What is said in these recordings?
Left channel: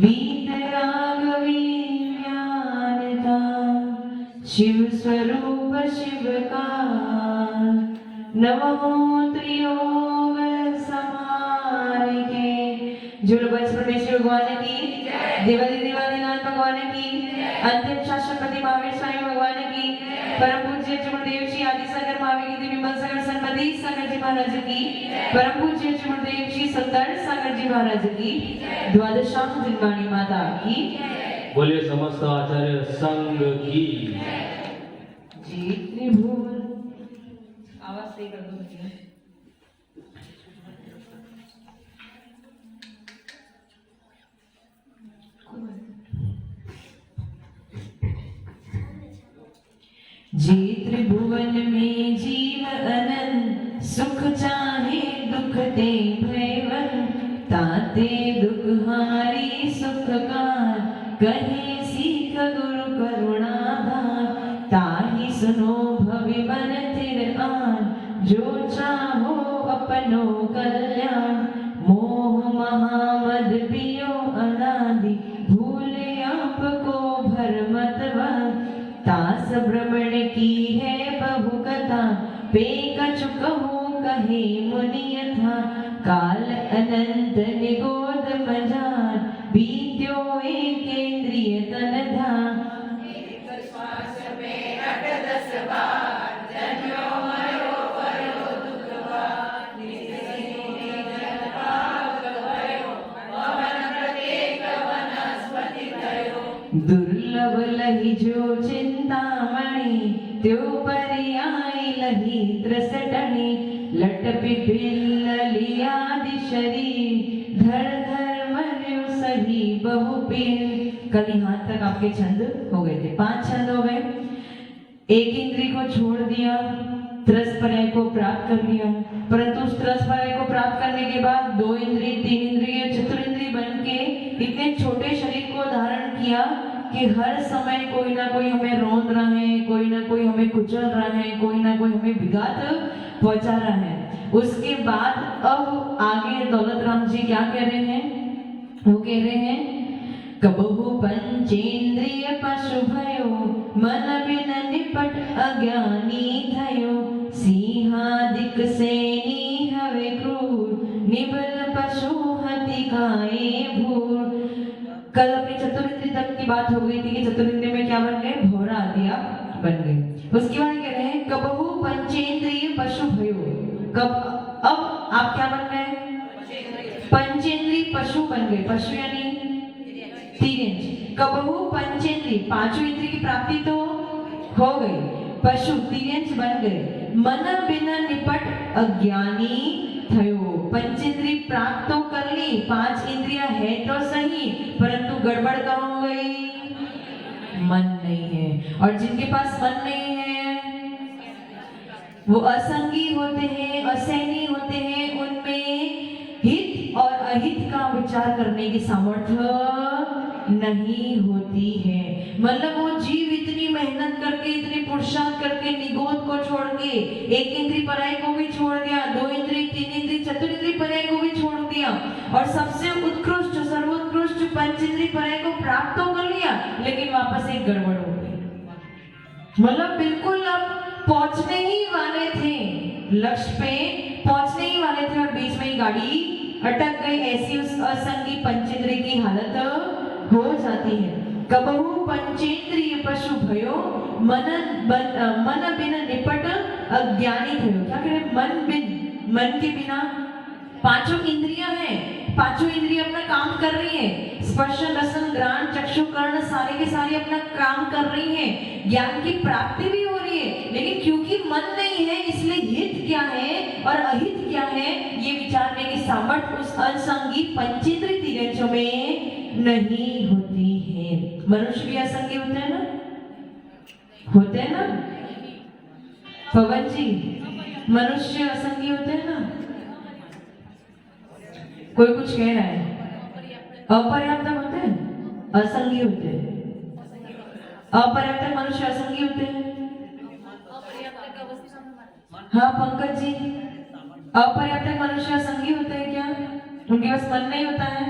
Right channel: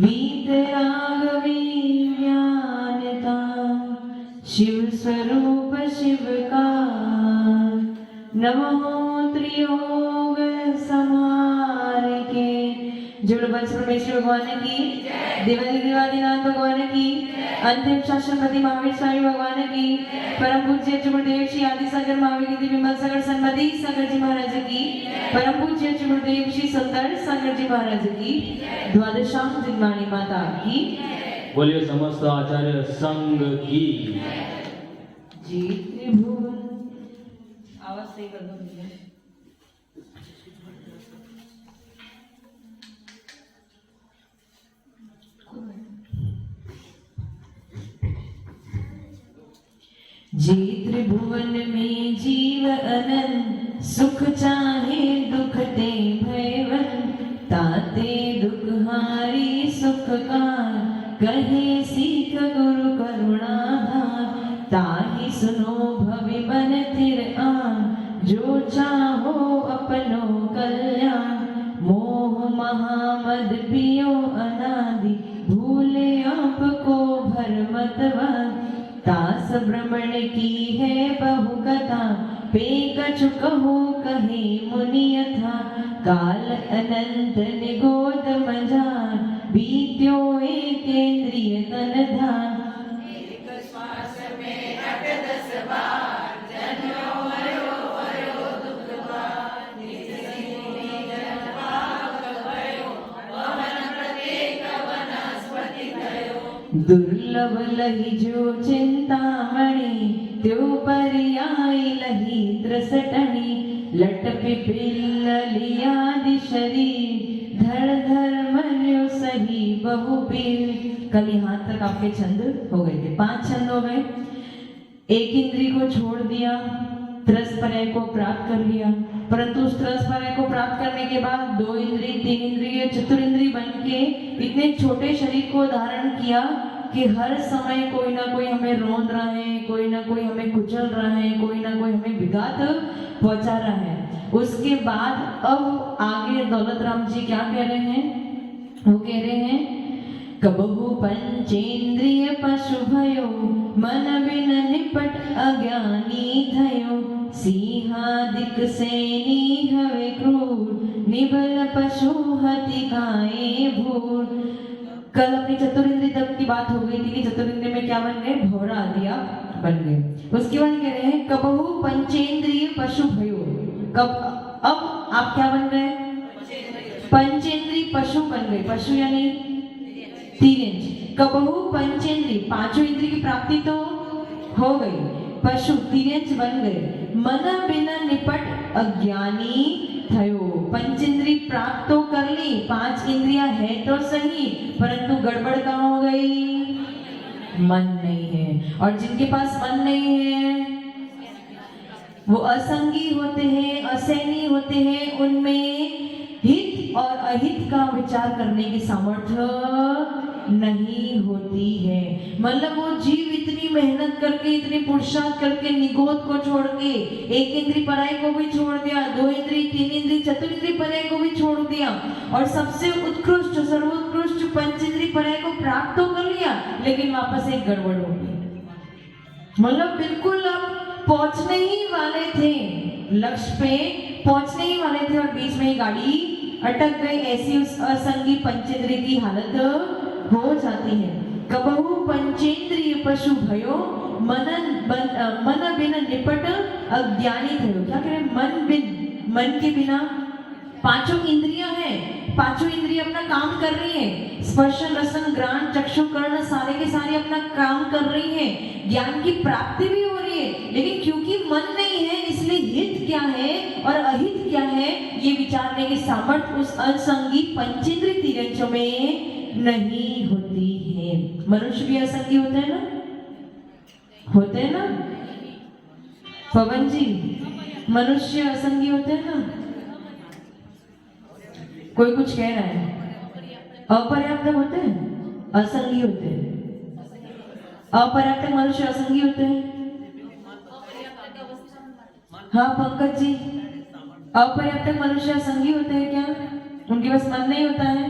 वीतरागवी ज्ञानता शिव स्वरूप शिव का नमो त्रियोग समान के। जुड़ बस परमेश्वर भगवान की, देवादि देवादिनाथ भगवान की, अंतिम शास्त्रपति महावीर स्वामी भगवान की, परम पूज्य गुरुदेव श्री आदि सागर महावीर जी विमल सागर सन्मति सागर जी महाराज की, परम पूज्य गुरुदेव श्री सुंदर सागर जी महाराज की, द्वादशांग जिनवाणी माता की, बोलिए समस्त आचार्य संघ की। जी त्रिभुवन आवाज सही कर दो। जी त्रिभुवन में जीव अनंत सुख चाहे दुख ते भयवन ताते दुख हारी सुख कार कहे सीख गुरु करुणा ताहि सुनो भवि मन तिर आन जो चाहो अपनो कल्याण मोह महामद पियो अनादि भूले आपको भरमतवान तास भ्रमण की है बहु कथा पे कछु कहो कहे मुनि यथा काल अनंत निगोद मजान बीत्यो एकेंद्रिय तन धाम एक श्वास में अट 10 बार जन्यो मरो वरो दुख बार निसिनि जन पाप भयो पवन प्रत्येक वनस्पति भयो दुर्लभ लहि जो चिंतामणि त्यो पर्याय लहि त्रसटनि लट पिपिल लियादि शरीर धर धर मर्यो सही बहु पीर। कल यहाँ तक आपके छंद हो गए थे, 5 छंद हो गए। एक इंद्रिय को छोड़ दिया, त्रस पर्याय को प्राप्त कर लिया, परंतु उस त्रस पर्याय को प्राप्त करने के बाद 2 इंद्रिय 3 इंद्रिय चतुरिंद्रिय बन के इतने छोटे शरीर को धारण किया कि हर समय कोई ना कोई हमें रोन रहा है, कोई ना कोई हमें कुचल रहा है, कोई ना कोई हमें विघात पहुंचा रहा है। उसके बाद अब आगे दौलत राम जी क्या कह रहे हैं? वो कह रहे हैं कबहु पंचेंद्रिय पशु भयो मन बिन निपट अज्ञानी थयो सिंहादिक सेनी हवे क्रूर निबल पशु हति खाए भूर। कल अपनी चतुरिंद्रिय तक की बात हो गई थी कि चतुरिंद्रिय में क्या बन गए? भौरा आदि बन गए। उसके बाद कह रहे हैं कबहु पंचेंद्रिय पशु भयो। कब अब आप क्या बन गए? पंचेंद्रिय पशु बन गए। पशु यानी तिर्यंच। कबहु पंचेंद्रिय, 5 इंद्रिय की प्राप्ति तो हो गई, पशु तिर्यंच बन गए। मन बिना निपट अज्ञानी थयो। पंचेंद्रिय प्राप्त तो कर ली, 5 इंद्रियां है तो सही, परंतु गड़बड़ कहाँ हो गई? मन नहीं है। और जिनके पास मन नहीं है वो असंगी होते हैं, असैनी होते हैं, उनमें हित और अहित का विचार करने की सामर्थ्य नहीं होती है। मतलब वो जीव इतनी मेहनत करके, इतनी पुरुषार्थ करके निगोद को छोड़ के, एक इंद्रिय पर्याय को भी छोड़ दिया, 2 इंद्रिय 3 इंद्रिय चतुरिंद्रिय पर्याय को भी छोड़ दिया और सबसे उत्कृष्ट सर्वोत्कृष्ट पंचेंद्रिय पर्याय को प्राप्त तो कर लिया, लेकिन वापस एक गड़बड़ हो गई। मतलब बिल्कुल आप पहुंचने ही वाले थे, लक्ष्य पे पहुंचने ही वाले थे और बीच में ही गाड़ी अटक गई। ऐसी उस असंगी पंचेंद्रिय की हालत हो जाती है। कबहु पंचेंद्रिय पशु भयो मन बिन निपट अज्ञानी थयो। क्या कह रहे? मन के बिना 5 इंद्रियां हैं, 5 इंद्रियां अपना काम कर रही है, स्पर्श रसन घ्राण चक्षु कर्ण सारे के सारे अपना काम कर रही है, ज्ञान की प्राप्ति भी हो रही है, लेकिन क्योंकि मन नहीं है इसलिए हित क्या है और अहित क्या है ये विचारने की सामर्थ्य उस असंगी पंचेंद्रिय तिर्यंचों में नहीं होती है। मनुष्य भी असंगी होते हैं ना? होते हैं ना पवन जी? मनुष्य असंगी होते हैं ना? कोई कुछ कह रहा है? अपर्याप्त होते हैं, असंगी होते हैं। अपर्याप्त मनुष्य असंगी होते हैं। हाँ पंकज जी, अपर्याप्त मनुष्य असंगी होते हैं क्या? उनके पास मन नहीं होता है?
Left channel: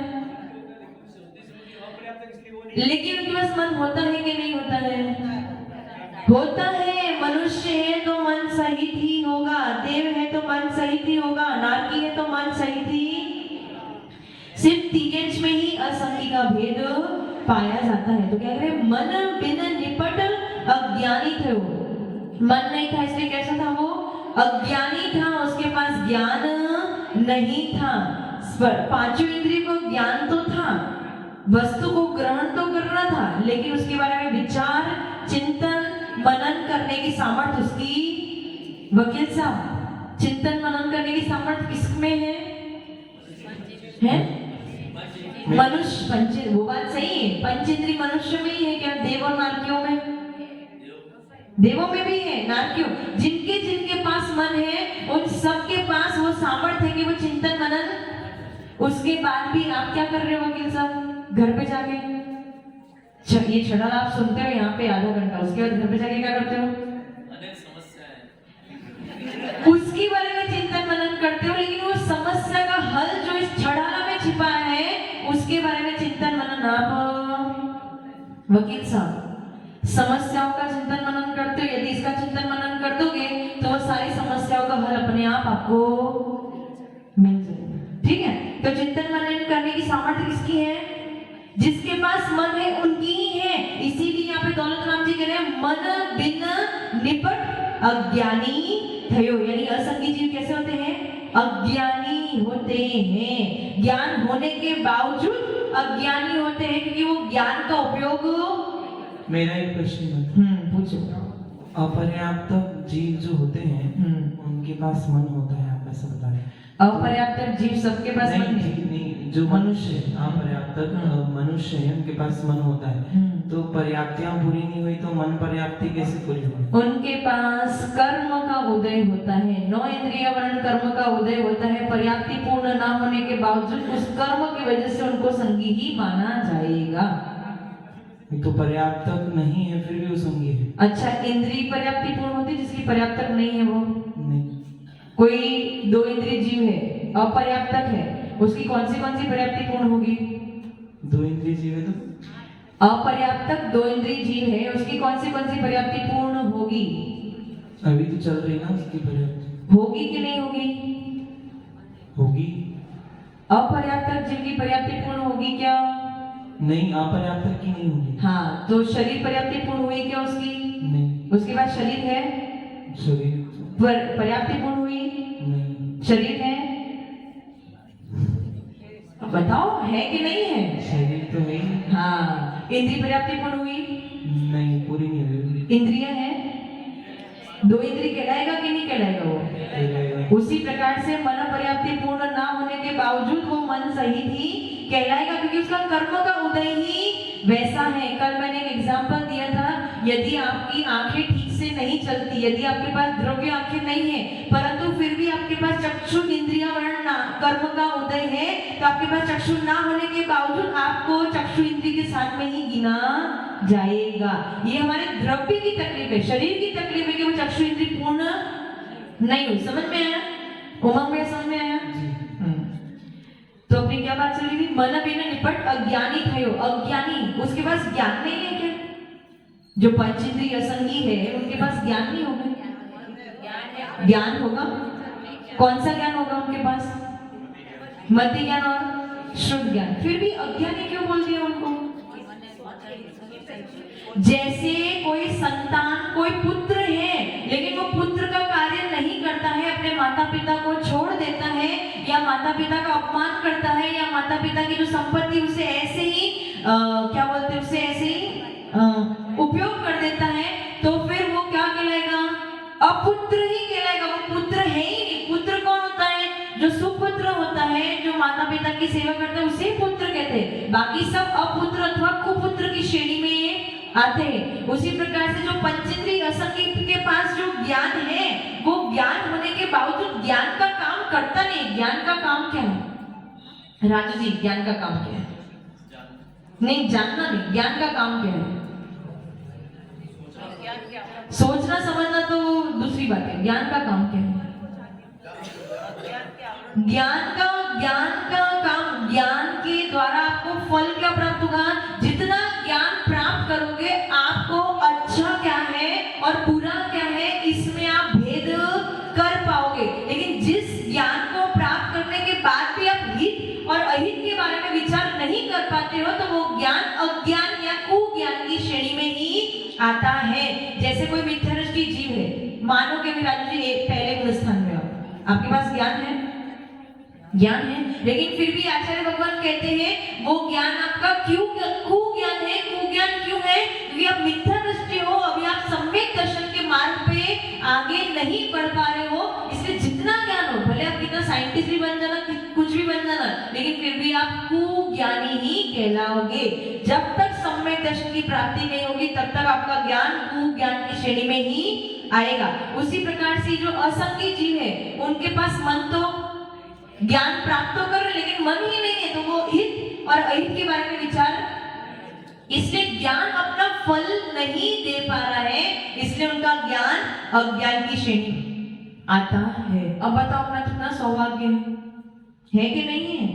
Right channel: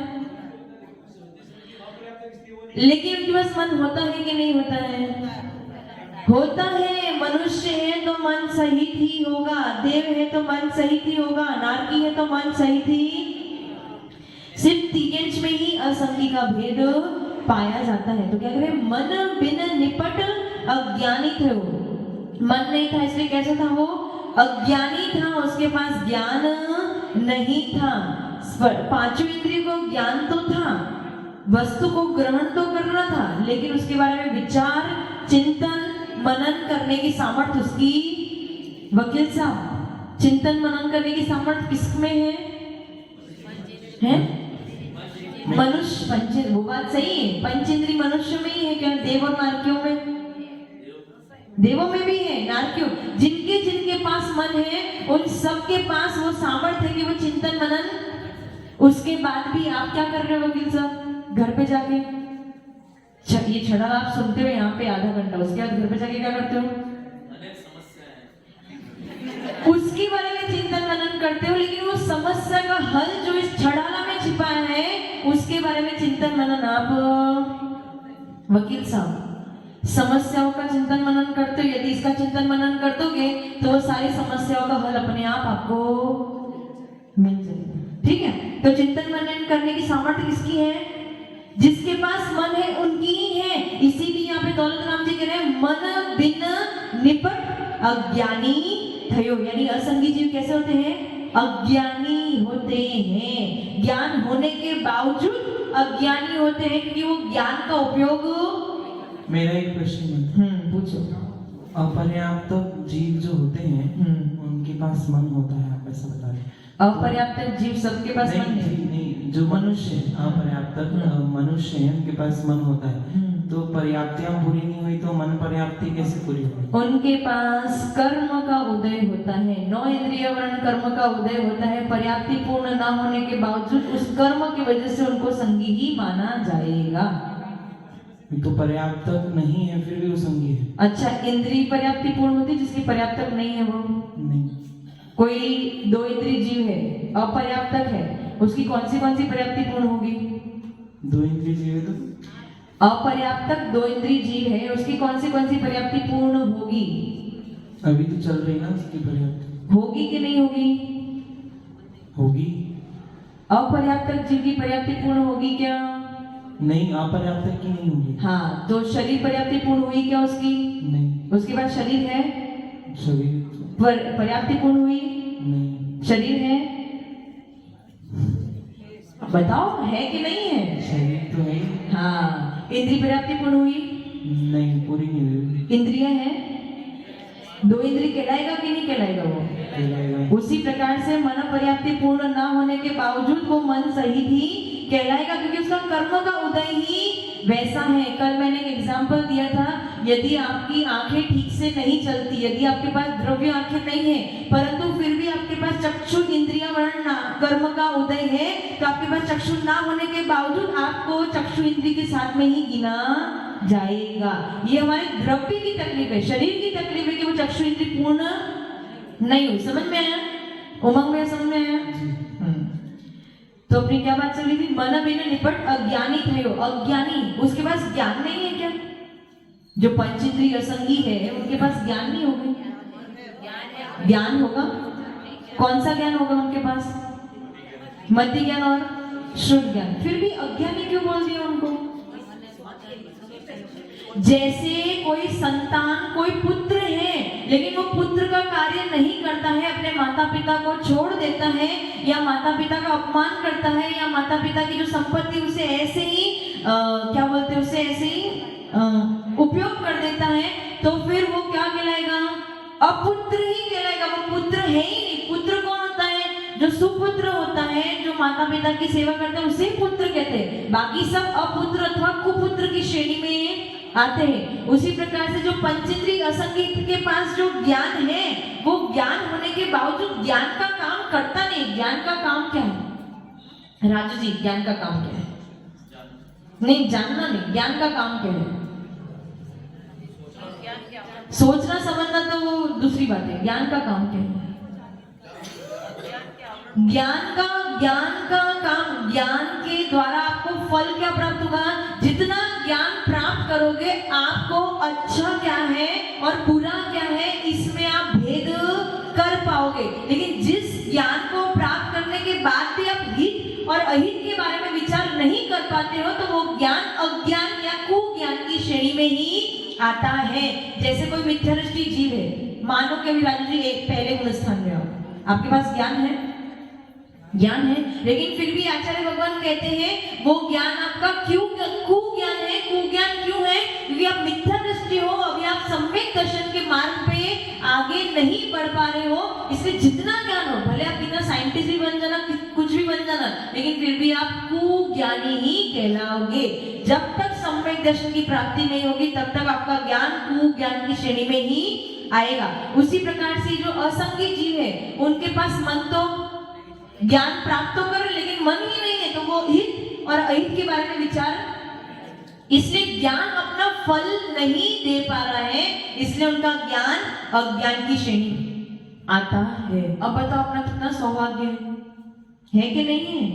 लेकिन उनके पास मन होता है कि नहीं होता है? होता है। मनुष्य है तो मन सहित ही होगा, देव है तो मन सहित ही होगा, नारकी है तो मन सहित ही। सिर्फ तिगेंच में ही असंगी का भेद पाया जाता है। तो क्या कह रहे हैं? मन बिन निपट अज्ञानी थे वो। मन नहीं था इसलिए कैसा था वो? अज्ञानी था, उसके पास ज्ञान नहीं था। पांचों इंद्रियों को ज्ञान तो था, वस्तु को ग्रहण तो करना था, लेकिन उसके बारे में विचार, चिंतन, मनन करने की सामर्थ्य उसकी, वकील साहब, चिंतन मनन करने की सामर्थ्य किसमें है? मनुष्य पंच, वो बात सही है, पंचेंद्रिय मनुष्य में ही है क्या? देव और नारकियों में? देवों में भी है, नारकियों, जिनके जिनके पास मन है उन सबके पास वो सामर्थ्य है कि वो चिंतन मनन। उसके बाद भी आप क्या कर रहे हो वकील साहब? घर पे जाके ये छड़ा आप सुनते हो यहाँ पे आधा घंटा, उसके बाद घर पे जाके क्या करते हो? अनेक समस्याएं हैं, उसके बारे में चिंतन मनन करते हो, लेकिन वो समस्या का हल जो इस छड़ाला में छिपा है उसके बारे में चिंतन मनन आप, वकील साहब, समस्याओं का चिंतन मनन करते हो। यदि इसका चिंतन मनन कर दोगे तो वो सारी समस्याओं का हल अपने आप आपको मिल जाएगा। ठीक है, तो चिंतन मनन करने की सामर्थ्य किसकी है? जिसके पास मन है उनकी ही है। इसीलिए यहाँ पे दौलत राम जी कह रहे हैं मन बिन निपट अज्ञानी थयो, यानी असंगी जीव कैसे होते हैं? अज्ञानी होते हैं। ज्ञान होने के बावजूद अज्ञानी होते हैं, क्योंकि वो ज्ञान का उपयोग। मेरा एक क्वेश्चन है। पूछो। अपर्याप्त जीव जो होते हैं उनके पास मन होता है, आप ऐसा बता रहे हैं? अपर्याप्त जीव सबके पास मन है? नहीं, जो मनुष्य अपर्याप्त मनुष्य है उनके पास मन होता है, तो पर्याप्तियां पूरी नहीं हुई तो मन पर्याप्ति कैसे पूरी होगी? उनके पास कर्म का उदय होता है, 9 इंद्रिय वर्ण कर्म का उदय होता है। पर्याप्ति पूर्ण ना होने के बावजूद उस कर्म की वजह से उनको संगी ही माना जाएगा। तो पर्याप्त नहीं है फिर भी वो संगी है। अच्छा, इंद्रिय पर्याप्ति पूर्ण होती है, जिसकी पर्याप्तक नहीं है वो नहीं। कोई 2 इंद्रिय जीव है, अपर्याप्तक है, उसकी कौन सी पर्याप्ति पूर्ण होगी? 2 इंद्रिय जीव है तो अपर्याप्तक 2 इंद्रिय जीव है, उसकी कौन सी पर्याप्ति पूर्ण होगी? अभी तो चल रही ना उसकी पर्याप्ति। होगी कि नहीं होगी? होगी। अपर्याप्तक जीव की पर्याप्ति पूर्ण होगी क्या? नहीं, अपर्याप्त की नहीं होगी। हाँ, तो शरीर पर्याप्ति पूर्ण हुई क्या उसकी? नहीं। उसके बाद शरीर है, शरीर पर्याप्ति पूर्ण हुई? नहीं। शरीर है, बताओ है कि नहीं है? शरीर तो है। हाँ, इंद्रिय पर्याप्ति पूर्ण हुई? नहीं, पूरी नहीं हुई। इंद्रिय है, 2 इंद्रिय कहलाएगा कि नहीं कहलाएगा वो? उसी प्रकार से मन पर्याप्ति पूर्ण ना होने के बावजूद वो मन सही ही कहलाएगा, क्योंकि उसका कर्म का उदय ही वैसा है। कल मैंने एक एग्जांपल दिया था, यदि आपकी आंखें ठीक से नहीं चलती, यदि आपके पास द्रव्य आंखें नहीं है, परंतु फिर भी आपके पास चक्षु इंद्रिय वर्ण कर्म का उदय है, तो आपके पास चक्षु ना होने के बावजूद आपको चक्षु इंद्रिय के साथ में ही गिना जाएगा। ये हमारे द्रव्य की तकलीफ है, शरीर की तकलीफ है कि वो चक्षु इंद्रिय पूर्ण नहीं हुई। समझ में आया? उमंग में समझ में आया? तो अपनी क्या बात चल रही थी? मन बिन निपट अज्ञानी थयो। अज्ञानी, उसके पास ज्ञान नहीं है क्या? जो पंचेंद्रिय असंगी है उनके पास ज्ञान नहीं होगा? ज्ञान होगा। कौन सा ज्ञान होगा उनके पास? मध्य ज्ञान और शुद्ध ज्ञान। फिर भी अज्ञानी क्यों बोल दिया उनको? जैसे कोई संतान, कोई पुत्र है, लेकिन वो पुत्र का कार्य नहीं करता है, अपने माता पिता को छोड़ देता है, या माता पिता का अपमान करता है, या माता पिता की जो संपत्ति उसे ऐसे ही क्या बोलते हैं, उसे ऐसे ही उपयोग कर देता है, तो फिर वो क्या कहलाएगा? अपुत्र ही कहलाएगा। वो पुत्र है ही नहीं। पुत्र कौन होता है? जो सुपुत्र होता है, जो माता पिता की सेवा करता है, उसे पुत्र कहते हैं। बाकी सब अपुत्र अथवा कुपुत्र की श्रेणी में आते हैं। उसी प्रकार से जो पंचेंद्रिय असंगी के पास जो ज्ञान है, वो ज्ञान होने के बावजूद ज्ञान का काम करता नहीं। ज्ञान का काम क्या है राजू जी? ज्ञान का काम क्या है? नहीं, जानना नहीं, ज्ञान का काम क्या है? सोचना समझना तो वो दूसरी बात है। ज्ञान का काम क्या है? ज्ञान का काम, ज्ञान के द्वारा आपको फल क्या प्राप्त होगा? जितना ज्ञान ज्ञान है, लेकिन फिर भी आचार्य भगवान कहते हैं वो ज्ञान आपका क्यों कुज्ञान है। कुज्ञान क्यों है? क्योंकि आप मिथ्या दृष्टि हो, अभी आप सम्यक दर्शन के मार्ग पे आगे नहीं बढ़ पा रहे हो। इसलिए जितना ज्ञान हो, भले आप कितना साइंटिस्ट भी बन जाना, कुछ भी बन जाना, लेकिन फिर भी आप कुज्ञानी ही कहलाओगे। जब तक सम्यक दर्शन की प्राप्ति नहीं होगी तब तक आपका ज्ञान कुज्ञान की श्रेणी में ही आएगा। उसी प्रकार से जो असंगी जीव है उनके पास मन तो ज्ञान प्राप्त तो कर, लेकिन मन ही नहीं है, तो वो हित और अहित के बारे में विचार, इसलिए ज्ञान अपना फल नहीं दे पा रहा है, इसलिए उनका ज्ञान अज्ञान की श्रेणी में आता है। अब बताओ अपना कितना सौभाग्य है कि नहीं है?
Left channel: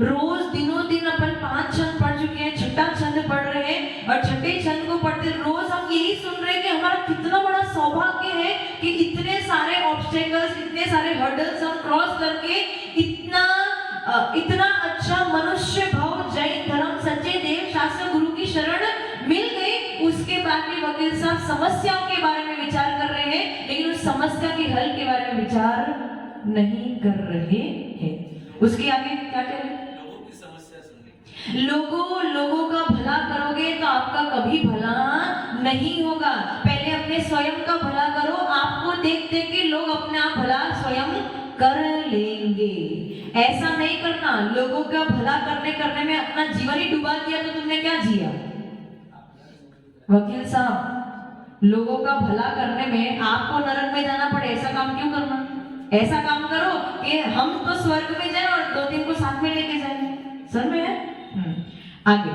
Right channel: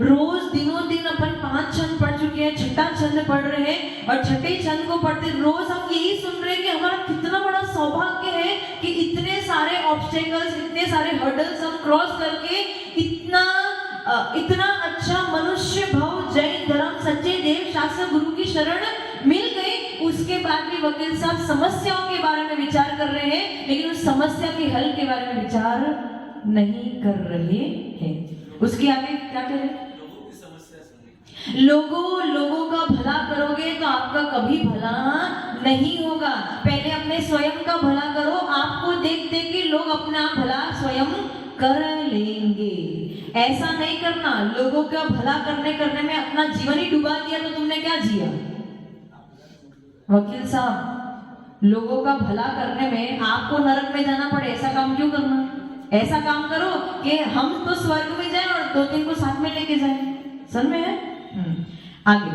रोज दिनों दिन अपन 5 छंद पढ़ चुके हैं, छठा छंद पढ़ रहे हैं, और छठे छंद को पढ़ते रोज हम यही सुन रहे हैं कि हमारा कितना बड़ा सौभाग्य है कि इतने सारे ऑब्स्टेकल्स, इतने सारे हर्डल्स हम क्रॉस करके इतना अच्छा मनुष्य भव, जैन धर्म, सच्चे देव शास्त्र गुरु की शरण मिल गई। उसके बाद भी वकील साहब समस्याओं के बारे में विचार कर रहे हैं, लेकिन उस समस्या के हल के बारे में विचार नहीं कर रहे हैं। उसके आगे क्या कह रहे हैं? लोगों का भला करोगे तो आपका कभी भला नहीं होगा। पहले अपने स्वयं का भला करो, आपको देख देख के लोग अपना भला स्वयं कर लेंगे। ऐसा नहीं करना, लोगों का भला करने में अपना जीवन ही डुबा दिया तो तुमने क्या जिया? वकील साहब, लोगों का भला करने में आपको नरक में जाना पड़े, ऐसा काम क्यों करना? ऐसा काम करो कि हम तो स्वर्ग में जाएं और 2-3 को साथ में लेके जाएं। समझ में है? आगे,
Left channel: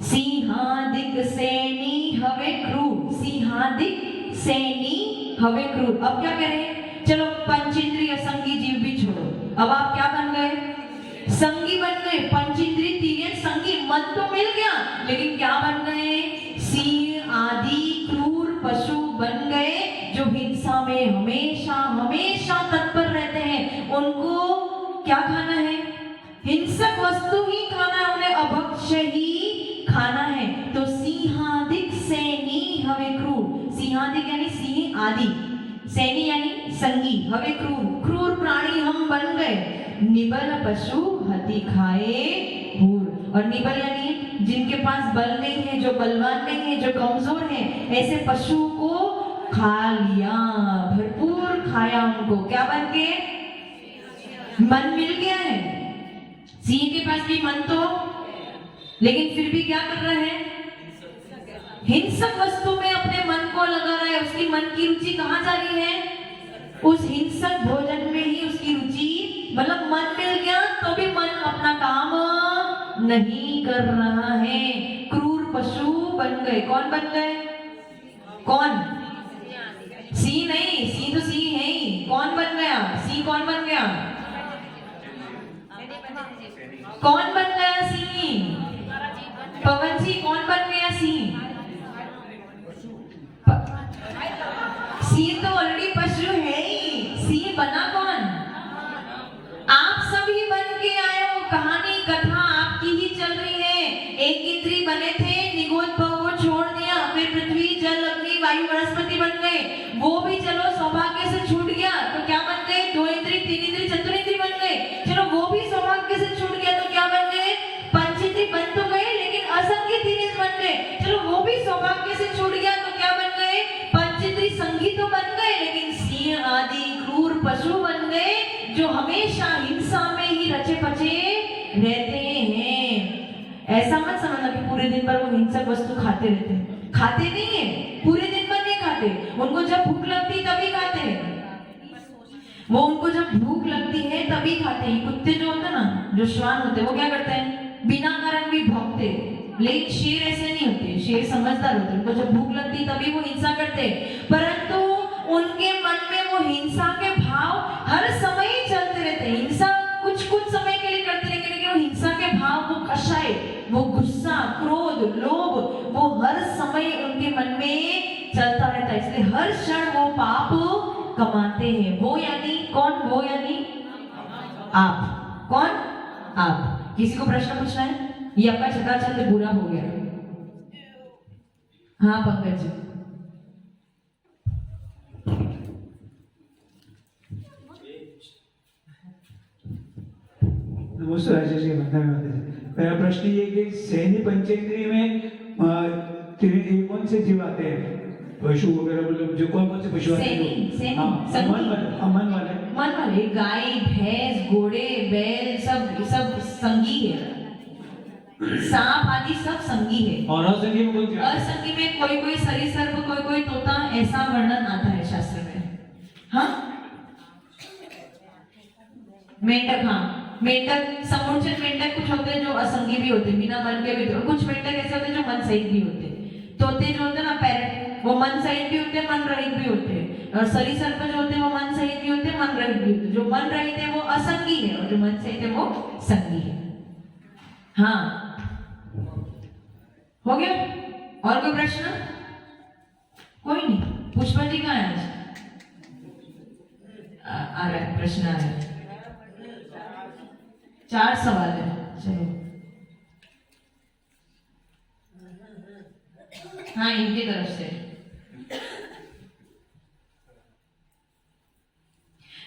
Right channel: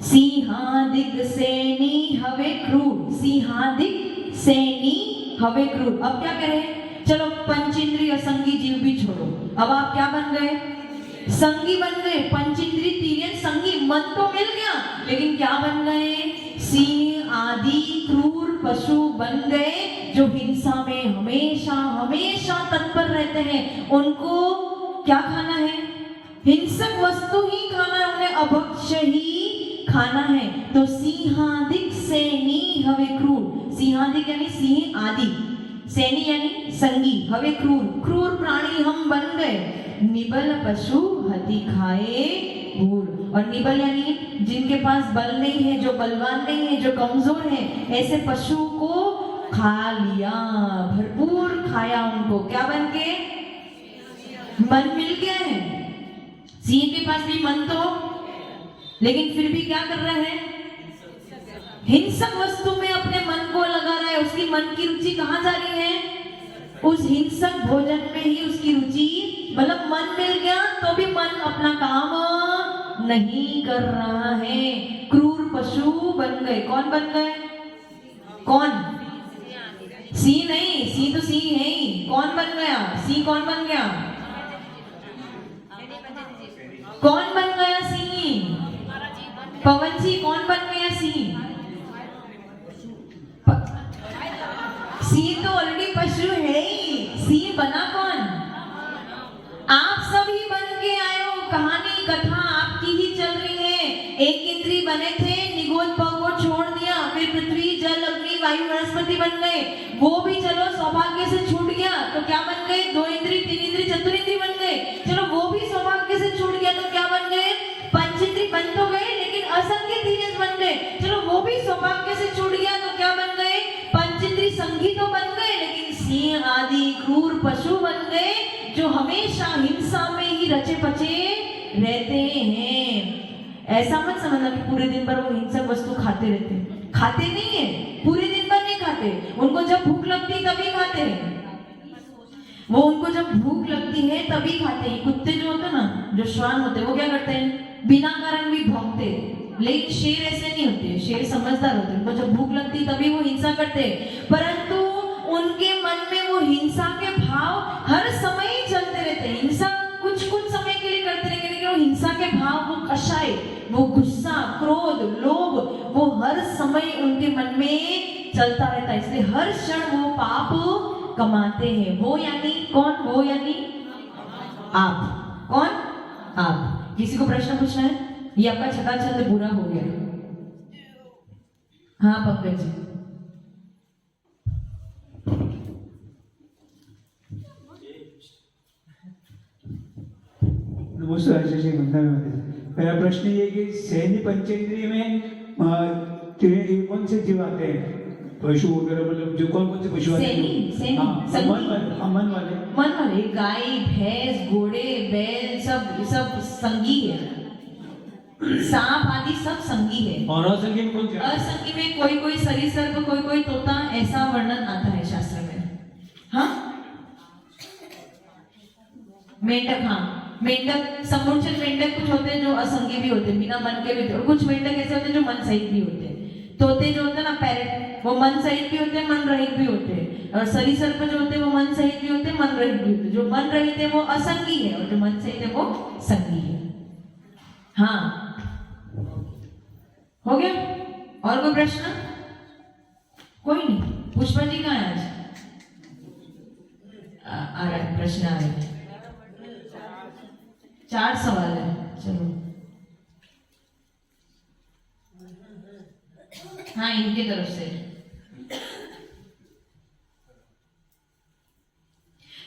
सिंहादिक सैनी हवे क्रूर, सिंहादिक सैनी हवे क्रूर। अब क्या करें? चलो पंचेंद्रिय असंगी जीव भी छोड़ो, अब आप क्या बन गए? संगी बन गए। पंचेंद्रिय तीर्यन संगी, मन तो मिल गया, लेकिन क्या बन गए? सिंह आदि क्रूर पशु बन गए, जो हिंसा में हमेशा तत्पर रहते हैं। उनको क्या खाना है? हिंसक वस्तु ही खाना है, उन्हें अभक्ष्य ही खाना है। तो सिंहादिक सैनी हवे क्रूर, सिंहादिक यानी सिंह आदि, सैनी यानी संगी, हवे क्रूर प्राणी हम बन गए। निबल पशु हति खाए भूर, और निबल यानी जिनके पास बल नहीं है, जो बलवान नहीं है, जो कमजोर है, ऐसे पशु को खा लिया, भरपूर खाया उनको। क्या बन के? मन मिल गया है। सिंह के पास भी मन तो, लेकिन फिर भी क्या कर रहा है? हिंसक वस्तु में अपने मन को लगा रहा है। उसकी मन की रुचि कहाँ जा रही है? उस हिंसक भोजन में ही उसकी रुचि, मतलब मन मिल गया तो भी मन अपना काम नहीं कर रहा है। क्रूर पशु बन गए। कौन बन गए? कौन? सिंह नहीं, सिंह तो सिंह है ही। कौन बन गया? सिंह कौन बन गया? कौन बन गया सिंह? पवन जी, कौन बन गया सिंह? सिंह तो ऑलरेडी पशु है ही, सिंह बना कौन? आप सभी बन के आए हो। कहानी कथा आपकी ही चल रही है। एक इंद्री बने थे, निगोद भाव को छोड़ दिया, फिर पृथ्वी जल अग्नि वायु वनस्पति बन गए। वो भी चलो सौभाग्य से छूट गया तो क्या बन गए? 2 इंद्री, 3 इंद्री, चतुरिंद्री बन गए। चलो वो भी सौभाग्य से छूट गया तो क्या बन गए? पंचेंद्री बन तो गए, लेकिन असंगी धीरज बन गए। चलो वो भी सौभाग्य से छूट गया तो क्या बन गए? पंचेंद्री संगी तो बन गए, लेकिन सिंह आदि क्रूर पशु बन गए, जो हमेशा हिंसा में ही रचे पचे रहते हैं। ऐसा मत समझना कि पूरे दिन भर वो हिंसक वस्तु खाते रहते हैं। खाते नहीं है, पूरे दिन भर नहीं खाते। उनको जब भूख लगती तभी खाते हैं। वो उनको जब भूख लगती है तभी खाते हैं। कुत्ते जो होते हैं ना, जो श्वान होते हैं, वो क्या करते हैं? बिना कारण भी भौंकते। लेकिन शेर ऐसे नहीं होते, शेर समझदार होते हैं। उनको जब भूख लगती तभी वो हिंसा करते हैं, परंतु उनके मन में वो हिंसा के भाव हर समय ही चलते रहते हैं। हिंसा कुछ समय के लिए करते रहेंगे, लेकिन वो हिंसा के भाव, वो कषाय, वो गुस्सा, क्रोध, लोभ, वो हर समय उनके मन में चलता रहता है। इसलिए हर क्षण वो पाप कमाते हैं। वो यानी कौन? वो यानी आप। कौन? आप। किसी को प्रश्न पूछना है? ये आपका छठा छंद पूरा हो गया। हाँ पंकज जी। नमस्कार आचार्य जी, वंदना माता जी। मेरा प्रश्न ये है कि सहनी पंचेंद्रिय में कौन से जीव आते हैं? पशु वगैरह, मतलब जो कौन से पशु आते हैं? मन वाले गाय, भैंस, घोड़े, बैल सब संगी है। सांप आदि सब संगी है। और असंगी में कौन से? असंगी में कोई सरीसृप, कोई तोता, ऐसा वर्णन आता है शास्त्र में। हाँ, मेंढक, हाँ मेंढक, समुच्चय मेंढक कुछ होते हैं जो असंगी भी होते हैं, बिना मन के भी होते हैं, और कुछ मेंढक ऐसे होते हैं जो मन सहित भी होते हैं। तोते जो होते हैं ना, पैरट, वो मन सहित भी होते हैं, मन रहित भी होते हैं। और सरीसृप जो होते हैं वो मन सहित भी होते हैं, मन रहित भी होते हैं। जो मन रहित है वो असंगी है, और जो मन सहित है वो संगी है। हाँ, हो गया? और कोई प्रश्न? कोई नहीं। पुष्पा जी कहाँ है आज? आ रहा है, प्रश्न आ रहा है। 4 सवाल है, चलो। हाँ, इनकी तरफ से।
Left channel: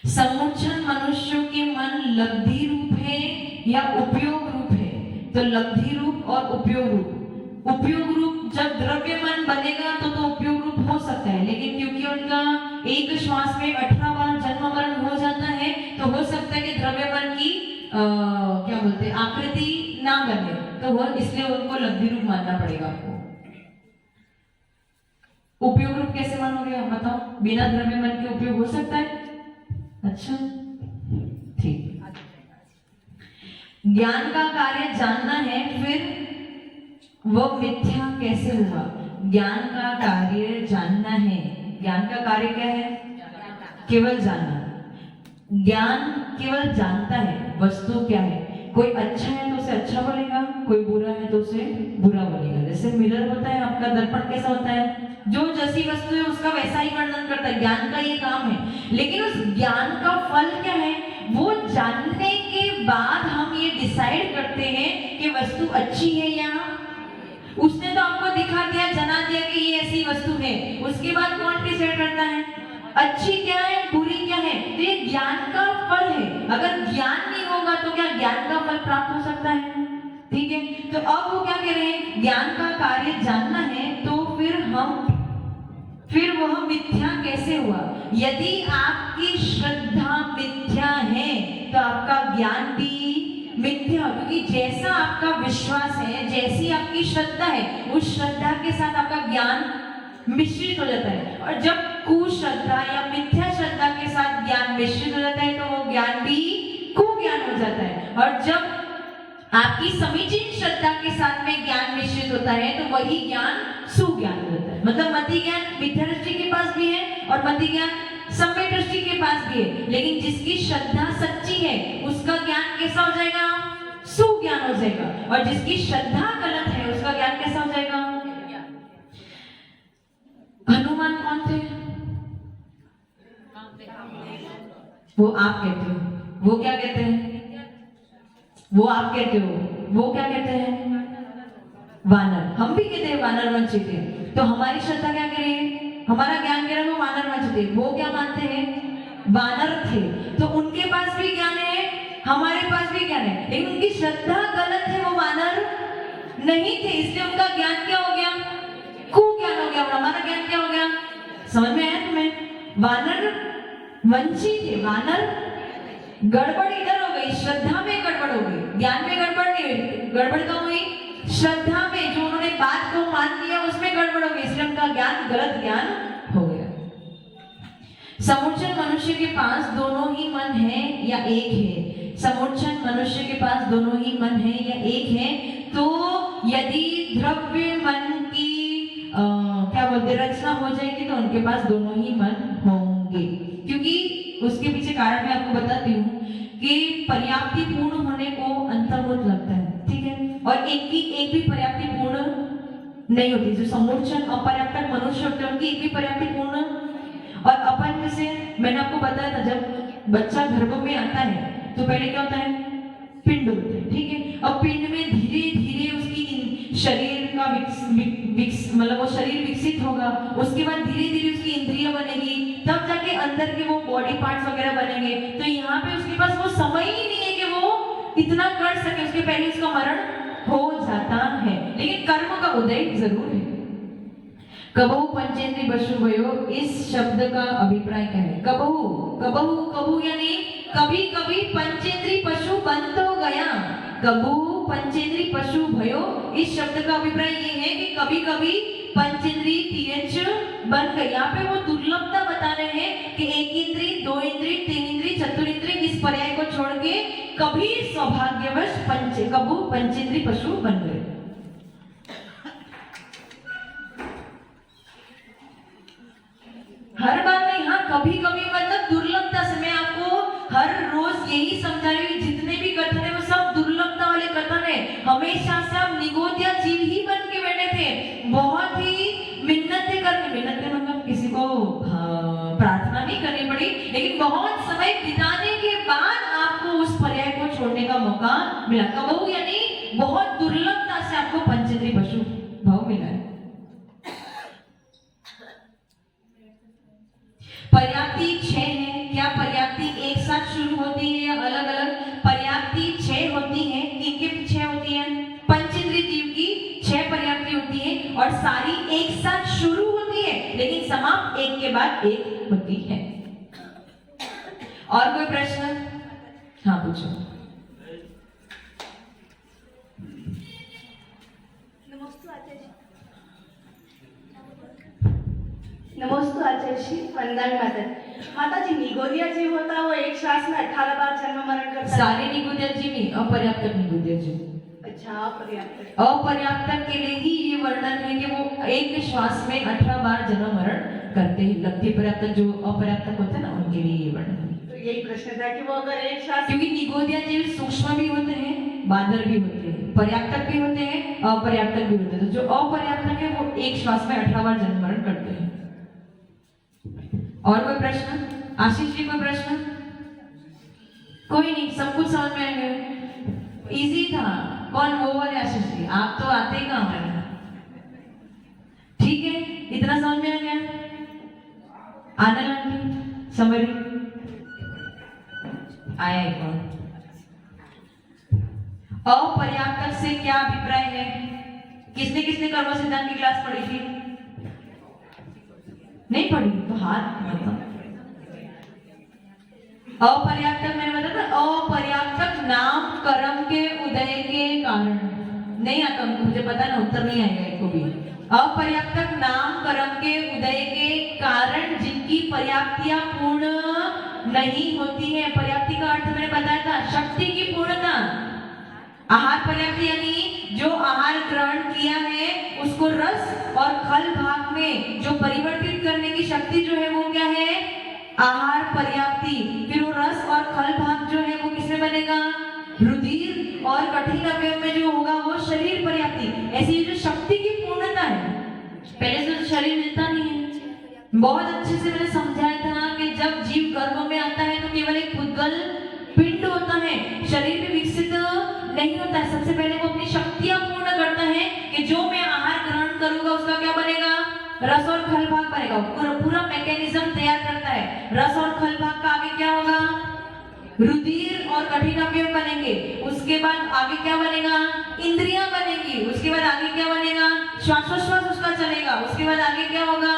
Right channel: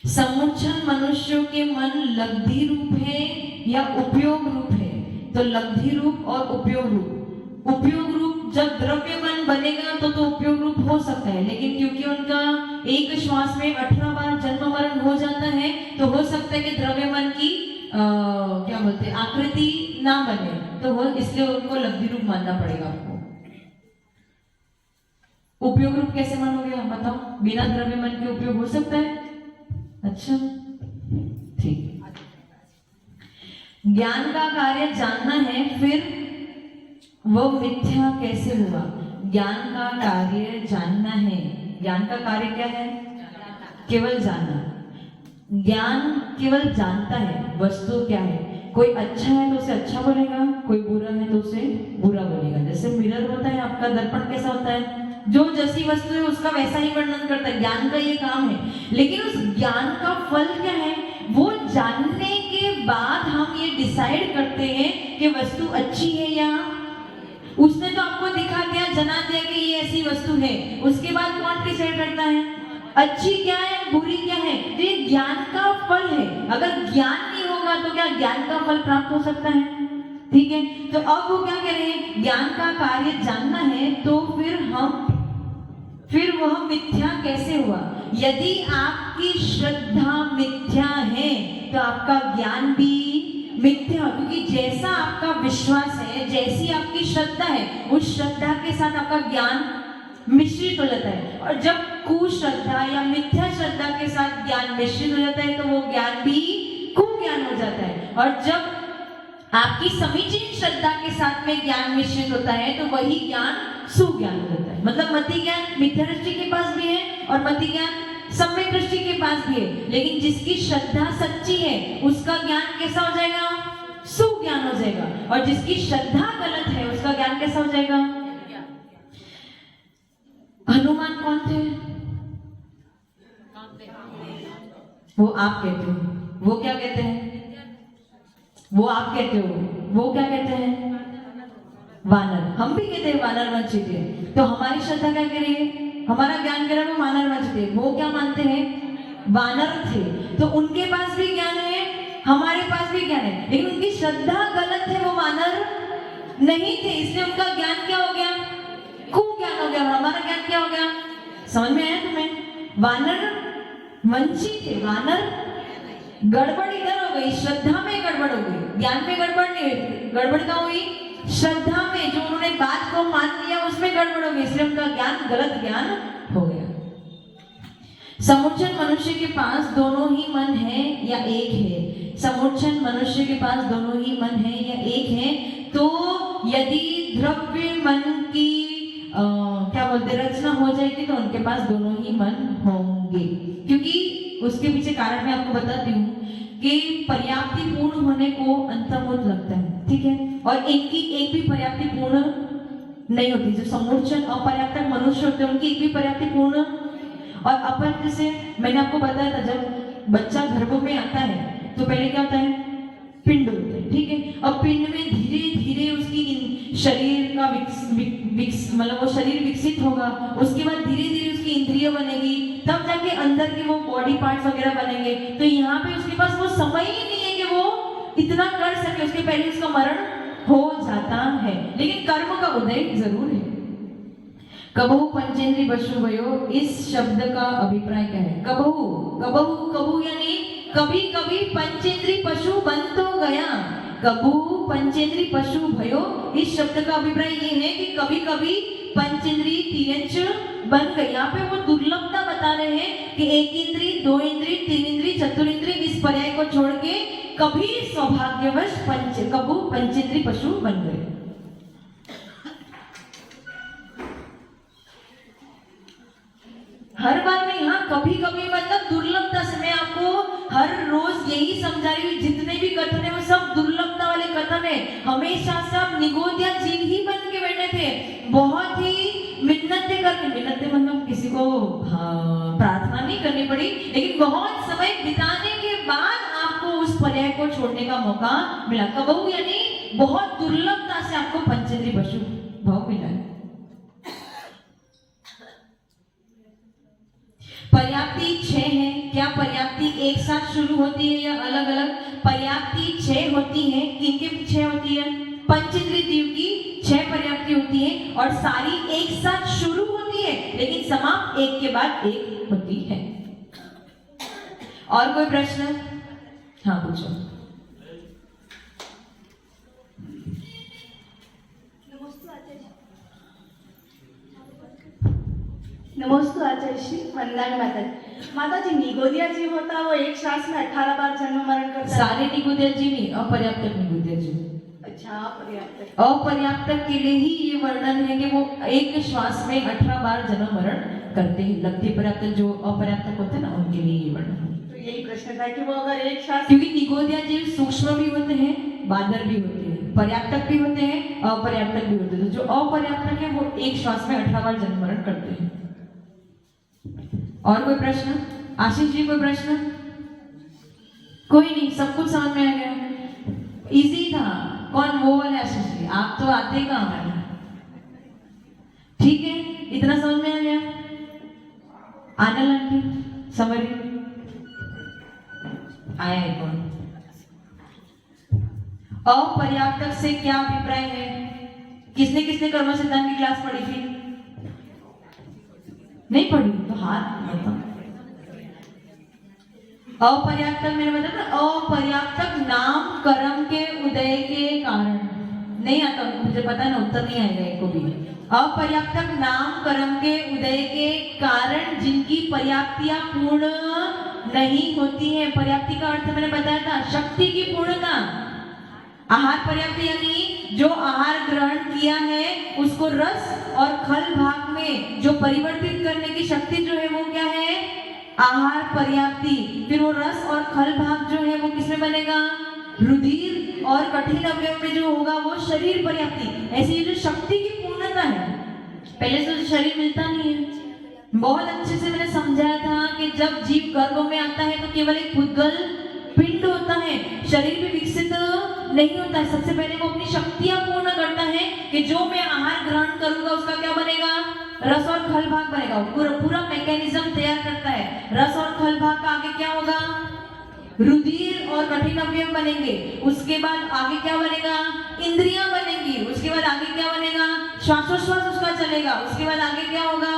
समुच्चय मनुष्यों के मन लब्धि रूप है या उपयोग रूप है? तो लब्धि रूप और उपयोग रूप। उपयोग रूप जब द्रव्य मन बनेगा तो उपयोग रूप हो सकता है, लेकिन क्योंकि उनका एक श्वास में 18 बार जन्म मरण हो जाता है, तो हो सकता है कि द्रव्य मन की क्या बोलते हैं, आकृति ना बने, तो वो इसलिए उनको लब्धि रूप मानना पड़ेगा आपको। उपयोग रूप कैसे मानोगे आप बताओ? बिना द्रव्य मन के उपयोग हो सकता है? अच्छा, ठीक। ज्ञान का कार्य जानना है, फिर वो मिथ्या कैसे हुआ? ज्ञान का कार्य जानना है। ज्ञान का कार्य क्या है? केवल जानना। ज्ञान केवल जानता है वस्तु क्या है। कोई अच्छा है तो उसे अच्छा बोलेगा, कोई बुरा है तो उसे बुरा बोलेगा। जैसे मिरर होता है आपका, दर्पण कैसा होता है? जो जैसी वस्तु है उसका वैसा ही वर्णन करता है। ज्ञान का ये काम है, लेकिन उस ज्ञान का फल क्या है? वो जानने के बाद हम ये डिसाइड करते हैं कि वस्तु अच्छी है या उसने तो आपको दिखा दिया, जना दिया कि ये ऐसी वस्तु है, उसके बाद कौन डिसाइड करता है अच्छी क्या है, बुरी क्या है? तो ये ज्ञान का फल है। अगर ज्ञान नहीं होगा तो क्या ज्ञान का फल प्राप्त हो सकता है? ठीक है, तो अब वो क्या कह रहे हैं? ज्ञान का कार्य जानना है, तो फिर वह मिथ्या कैसे हुआ? यदि आपकी श्रद्धा मिथ्या है तो आपका ज्ञान भी मिथ्या, क्योंकि जैसा आपका विश्वास है, जैसी आपकी श्रद्धा है, उस श्रद्धा के साथ आपका ज्ञान मिश्रित हो जाता है। और जब कुश्रद्धा या मिथ्या श्रद्धा के साथ ज्ञान मिश्रित हो जाता है तो वो ज्ञान भी कुज्ञान हो जाता है। और जब आपकी समीचीन श्रद्धा के साथ में ज्ञान मिश्रित होता है तो वही ज्ञान सुज्ञान होता है। मतलब मति ज्ञान मिथ्या दृष्टि के पास भी है और मति ज्ञान सम्यक दृष्टि के पास भी है, लेकिन जिसकी श्रद्धा सच्ची है उसका ज्ञान कैसा हो जाएगा? सुज्ञान हो जाएगा। और जिसकी श्रद्धा गलत है उसका ज्ञान कैसा हो जाएगा? हनुमान कौन थे? वो आप कहते हो, वो क्या कहते हैं? वो आप कहते हो, वो क्या कहते हैं? वानर। हम भी कहते हैं वानर वंश थे। तो हमारी श्रद्धा क्या कह रही है? हमारा ज्ञान कह रहा है वो वानर वंश थे। वो क्या मानते हैं? वानर थे। तो उनके पास भी ज्ञान है, हमारे पास भी ज्ञान है, लेकिन उनकी श्रद्धा गलत है, वो वानर नहीं थे, इसलिए उनका ज्ञान क्या हो गया? कुज्ञान हो गया। और हमारा ज्ञान क्या हो गया? समझ में आया तुम्हें? वानर वंशी थे, वानर गड़बड़ इधर हो गई, श्रद्धा में गड़बड़ हो गई, ज्ञान में गड़बड़ नहीं हुई। गड़बड़ क्या हुई? श्रद्धा में, जो उन्होंने बात को मान लिया उसमें गड़बड़ हो गई, इसलिए उनका ज्ञान गलत ज्ञान हो गया। समुच्चय मनुष्य के पास दोनों ही मन है या एक है? समुच्चय मनुष्य के पास दोनों ही मन है या एक है? तो यदि द्रव्य मन की क्या बोलते रचना हो जाएगी तो उनके पास दोनों ही मन होंगे, क्योंकि उसके पीछे कारण मैं आपको बताती हूँ कि पर्याप्ति पूर्ण होने को अंतर्मुख लगता है, ठीक है, और इनकी एक भी पर्याप्ति पूर्ण नहीं होती। जो समुच्चय अपर्याप्त मनुष्य होते हैं उनकी एक भी पर्याप्ति पूर्ण। और अपन जैसे मैंने आपको बताया था, जब बच्चा गर्भ में आता है तो पहले क्या होता है? पिंड होता है, ठीक है। अब पिंड में धीरे धीरे उसकी शरीर का मतलब वो शरीर विकसित होगा, उसके बाद धीरे धीरे उसकी इंद्रिय बनेगी, तब जाके अंदर के वो बॉडी पार्ट्स वगैरह बनेंगे। तो यहाँ पे उसके पास वो समय ही नहीं है कि वो इतना कर सके उसके पहले इसका मरण हो जाता है, लेकिन कर्म का उदय जरूर है। कबहु पंचेंद्रिय पशु भयो, इस शब्द का अभिप्राय क्या है? कबहु कबहु कबहु यानी कभी कभी पंचेंद्रिय पशु बन तो गया। कबहु पंचेंद्रिय पशु भयो, इस शब्द का अभिप्राय ये है कि कभी कभी पंचेंद्रिय तीयंच बन गए। यहाँ पे वो दुर्लभता बता रहे हैं कि एक इंद्रिय, दो इंद्रिय, तीन इंद्रिय, चतुरिंद्रिय, इस पर्याय को छोड़ के कभी सौभाग्यवश कबहु पंचेंद्रिय पशु बन गए। हर बार नहीं, हाँ कभी कभी मतलब दुर्लभता से। मैं आपको हर रोज यही समझा रही हूँ, जितने भी कथन है वो सब दुर्लभता वाले कथन है। हमेशा से आप निगोदिया जीव ही बन के बैठे थे, बहुत ही मिन्नतें करके, मिन्नतें मतलब किसी को प्रार्थना नहीं करनी पड़ी, लेकिन बहुत समय बिताने के बाद आपको उस पर्याय को छोड़ने का मौका मिला। कबहु यानी बहुत दुर्लभता से आपको पंचेंद्रिय पशु भाव मिला है। पर्याप्ति 6 है। क्या पर्याप्ति एक साथ शुरू होती है या अलग अलग? पर्याप्ति 6 होती है। इनके 6 होती है, पंचेंद्रिय जीव की 6 पर्याप्ति होती है और सारी एक साथ शुरू होती है, लेकिन समाप्त एक के बाद एक होती है। और कोई प्रश्न? हाँ पूछो। नमस्ते आचार्य श्री वंदन माता जी। निगोदिया जीव होता है वो एक श्वास में 18 बार जन्म मरण करता है। सारे निगोदिया जीव नहीं, अपर्याप्त निगोदिया जीव। अच्छा, अपर्याप्त। अपर्याप्त के लिए ही ये वर्णन है कि वो एक श्वास में 18 बार जन्म मरण करते हैं। लगती पर्याप्त जो अपर्याप्त होते हैं ना, उनके लिए ये वर्णन है। तो यही प्रश्न था कि वो अगर एक श्वास, क्योंकि निगोदिया जीव सूक्ष्म भी होते हैं, बादर भी होते हैं, पर्याप्त भी होते हैं, अपर्याप्त भी होते हैं। जो अपर्याप्त है वो एक श्वास में 18 बार जन्म मरण करते हैं। और कोई प्रश्न? आशीष जी कोई प्रश्न? कोई नहीं, सब कुछ समझ में आ गया, इजी था। कौन? वो वाले आशीष जी, आप तो आते ही कहाँ हैं। ठीक है, इतना समझ में आ गया। आनंद आंटी समरी आया है कौन? अपर्याप्त से क्या अभिप्राय है? किसने किसने कर्म सिद्धांत की क्लास पढ़ी थी? नहीं पढ़ी तो हाथ बताओ। अपर्याप्त मैंने बताया ना, अपर्याप्त नाम कर्म के उदय के कारण। नहीं आता उनको, मुझे पता ना, उत्तर नहीं आएगा एक को भी। अपर्याप्त नाम कर्म के उदय के कारण जिनकी पर्याप्तियां पूर्ण नहीं होती है। पर्याप्ति का अर्थ मैंने बताया था, शक्ति की पूर्णता। आहार पर्याप्ति यानी जो आहार ग्रहण किया है उसको रस और खल भाग में जो परिवर्तित करने की शक्ति जो है वो क्या है? आहार पर्याप्ति। फिर वो रस और खल भाग जो है वो किसमें बनेगा? रुधिर और कठिन अवयव में जो होगा वो शरीर पर्याप्ति। ऐसी ये जो शक्ति की पूर्णता है, पहले से तो शरीर मिलता नहीं है। बहुत अच्छे से मैंने समझाया था कि जब जीव गर्भ में आता है तो केवल एक भूतगल पिंड होता है, शरीर भी विकसित नहीं होता है। सबसे पहले वो अपनी शक्तियां पूर्ण करता है कि जो मैं आहार ग्रहण करूंगा उसका क्या बनेगा? रस और खल भाग बनेगा। पूरा मैकेनिज्म तैयार करता है। रस और खल भाग का आगे क्या होगा? रुधिर और कठिन अवयव बनेंगे। उसके बाद आगे क्या बनेगा? इंद्रियां बनेंगी। उसके बाद आगे क्या बनेगा? श्वासोश्वास उसका चलेगा। उसके बाद आगे क्या होगा?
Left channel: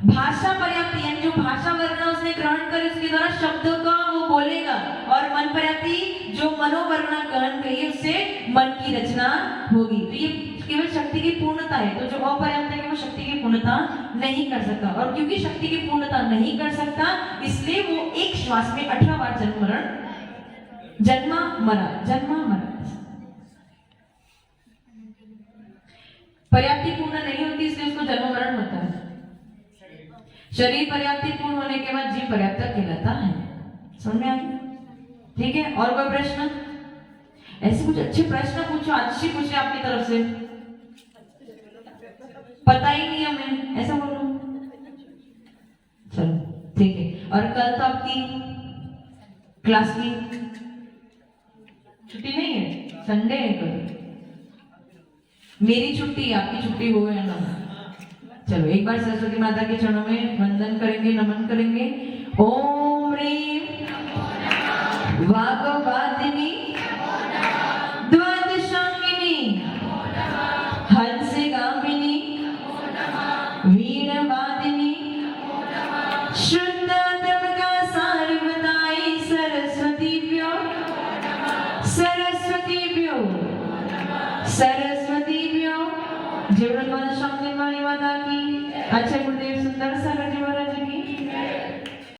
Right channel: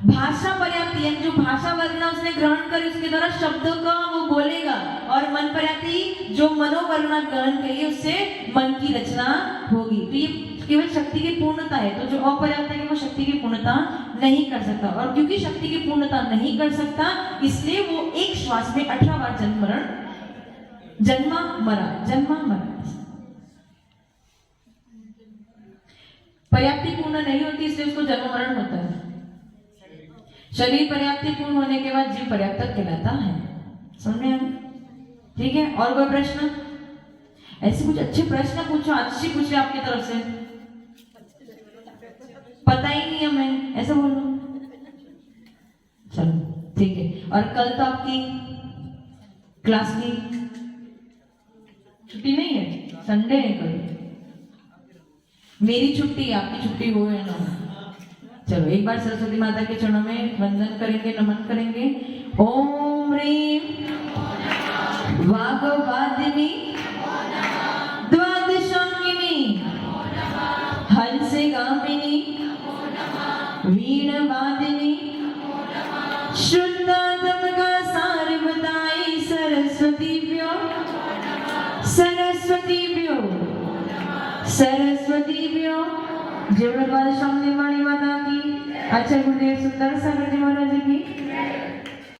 भाषा पर्याप्ति, यानी जो भाषा वर्णा उसने ग्रहण करे उसके द्वारा शब्दों का वो बोलेगा। और मन पर्याप्ति, जो मनोवर्णा ग्रहण करिए उससे मन की रचना होगी। तो ये केवल शक्ति की पूर्णता है। तो जो अपर्याप्त है वो शक्ति की पूर्णता नहीं कर सकता, और क्योंकि शक्ति की पूर्णता नहीं कर सकता इसलिए वो एक श्वास में 18 बार जन्मा मरा। पर्याप्ति पूर्ण नहीं होती इसलिए उसको जन्म मरण होता है। शरीर पर्याप्ति पूर्ण होने के बाद जीव पर्याप्त कहलाता है। समझ में आया? ठीक है, और कोई प्रश्न? ऐसे कुछ अच्छे प्रश्न पूछो, अच्छी पूछे आपकी तरफ से। पता ही नहीं है मैं, ऐसा बोल रहा हूँ। चलो ठीक है। और कल तो आपकी क्लास की छुट्टी नहीं है, संडे है कल। मेरी छुट्टी, आपकी छुट्टी हो है ना? चलो एक बार सरस्वती माता के चरणों में वंदन करेंगे, नमन करेंगे। ओम ह्रीं वाग